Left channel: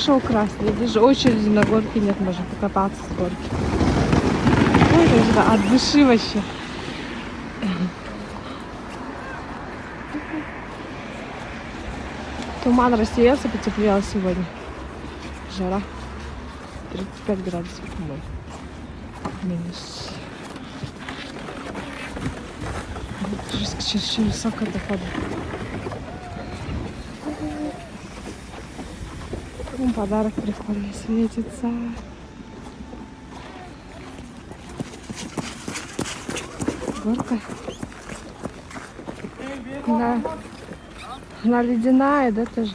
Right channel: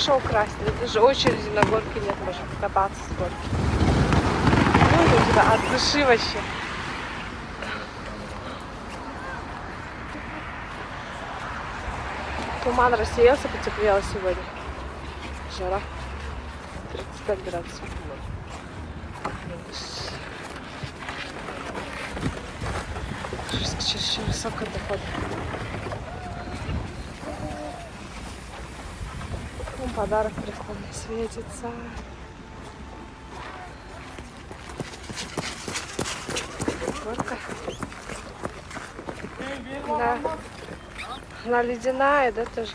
хорошо украсили. Даже очереди на горке нет, можно покататься с горки. Просто от души вообще. Туман рассеялся, потеплело сегодня. Жара 35 градусов. Минус. Жестко, чересчур высокая походу. Подарок прикольно светится. Горка. Она ледяная, да, тоже?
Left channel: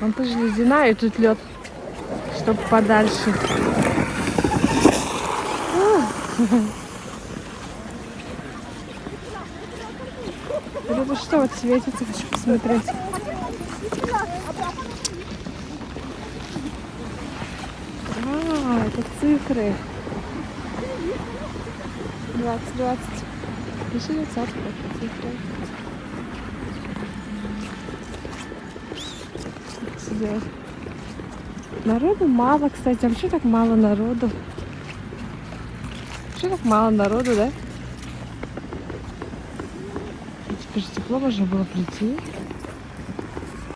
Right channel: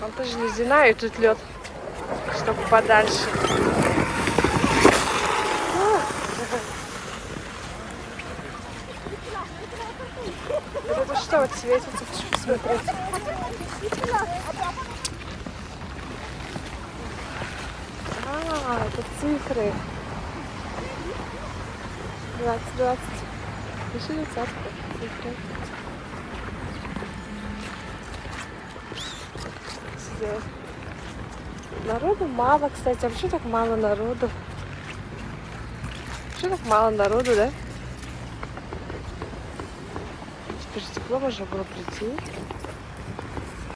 Он тоже ледяная, и тут лед, чтобы подальше. Это что вот светится, хочу посмотреть. Это цифры. 20. Пишется. Народу мало, кстати. Вообще так мало народу. Вообще так мало народу, да? Теперь тепло уже было прийти.